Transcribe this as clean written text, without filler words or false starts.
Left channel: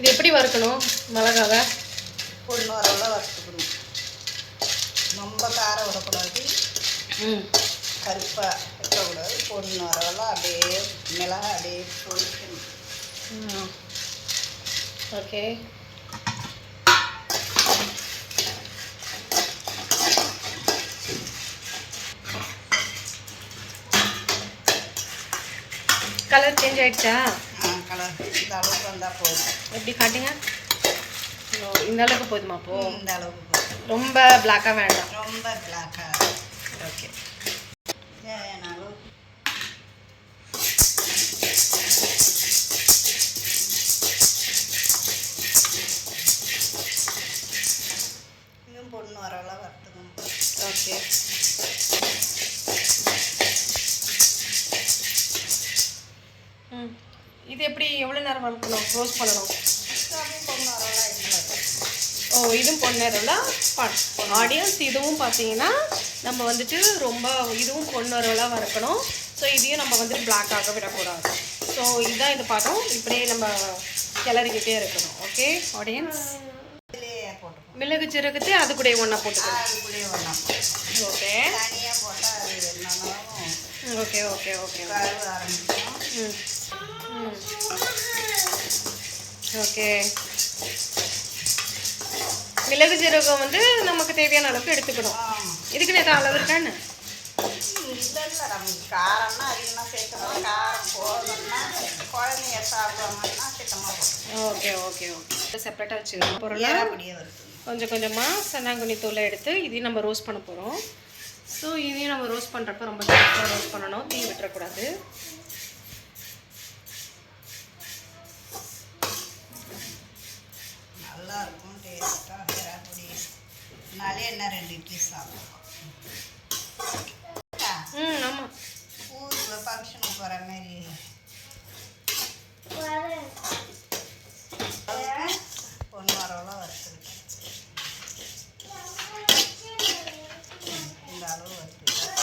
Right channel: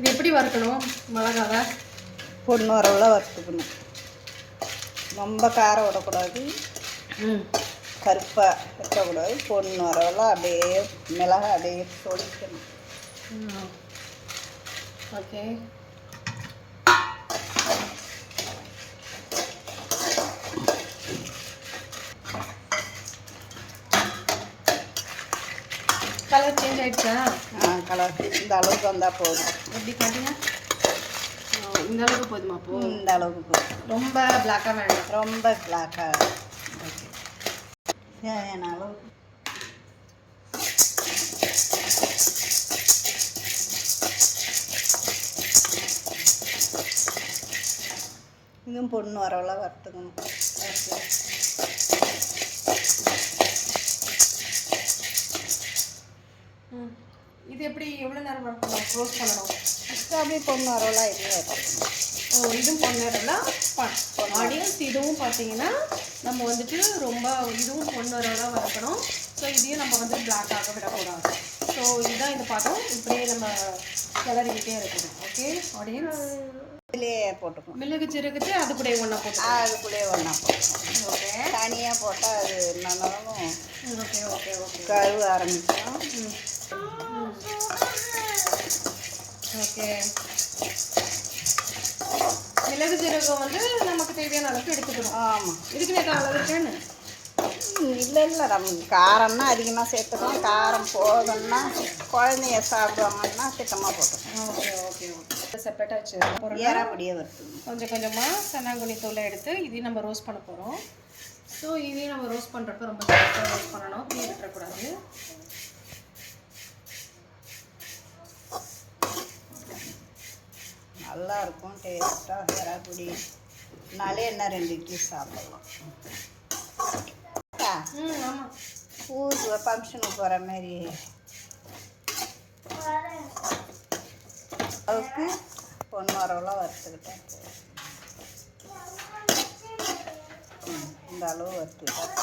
இது எப்படி வறுக்கணும்? மிளகாவை பொண்ணு வரவெல்லாம் வறுத்துக்கணும். ரொம்ப காரம் விடக்கூடாது, கருப்பாக வைக்கக்கூடாது. பொண்ணு வரவெல்லாம் அப்படியே மிளகாய் அப்படியே பொரிக்கணும். ஓகே. கலர் சேஞ்ச் ஆகிடுச்சா? கலர் இந்த அளவுக்கு வந்தால் போதும். எப்படி காட்டுங்க. இந்த அளவுக்கு போதுமா? அப்போ இந்த அளவுக்கு போதும். ரொம்ப பிளாக்காக வேண்டாம். ரொம்ப பிளாக்காக. ஓகே. தேவையான அளவு இதுவும் பொண்ணு வரவெல்லாம் வறுத்துக்கணும். ஓகே. இது எப்படி எவ்வளோ நேரம் வறுக்கணும்? ரோஸ்ட் பண்ணணும். அப்படியே பொண்ணு வரவெல்லாம் எப்படி வறுக்கணும்? ஓ, இதுவும் பொண்ணு வரவெல்லாம் ஆடியன்ஸ். இதுவும் பார்த்தீங்கன்னா நம்ம வந்துட்டு ரொம்ப இதுவும் பொண்ணு வரவெல்லாம் வறுக்கணும். ஸோ இதையும் நம்ம வந்துட்டு பிளாக்காக விடக்கூடாது. ஸோ இதுதான் இந்த பாத்திரம். இப்படியே நம்ம கிளறிக்கிட்டே இருக்கணும். Okay audience. இதுலேயே போட்டுக்கணும். மிளகு சீரகத்தை அது கூட ஒன்றா போட்டுக்கணும். அது கூட ஒன்றா போட்டுக்கணும். ஓகே. தனியாக போட்டால் அது நல்லா ஓகே ஓகே ஓகே கழுவ ஆரம்பிக்கும். ஓகே. மிளகு சீரகம் வந்து நமக்கு தேவையான அளவுக்கு எடுத்துக்கணும். ஆமாம். இதுக்குன்னு எதாவது அளவு இருக்கான்னு? இல்லை இல்லை, நம்ம காரம்னா அதிகமாக சேர்த்துக்கணும். காரம் போதும்னா குழந்தைங்க சாப்பிடுவாங்கன்னா திட்டமாக போட்டுக்கணும். Okay okay okay. செப்பரேட்டாக வச்சுக்கணும். பொருளை அப்படியே வருது. கொஞ்சம் கொஞ்சமாக சன்னாங்குனி தூளை எடுத்து இதையும் நம்ம ரோஸ்ட் பண்ண போகிறோம். ஸோ இதையும் நம்ம ரோஸ்ட் பண்ணுறப்ப ரொம்ப கரெக்டாக ரோஸ்ட் பண்ணணும். தீ விட்டுறக்கூடாது. நல்லா இருக்கும் டேஸ்ட்டாக. எறாப்பொடி நாளே என்ன 2 இட்லி சாப்பிடலாம். ஆமாம். ஊருக்கு ஃபங்க்ஷனுக்கு போகிற மாரி அதுக்கு பொண்ணு வரவெல்லாம் வறுத்துக்கிட்டேன். இந்த அளவு வறுத்துக்கிட்டேன்.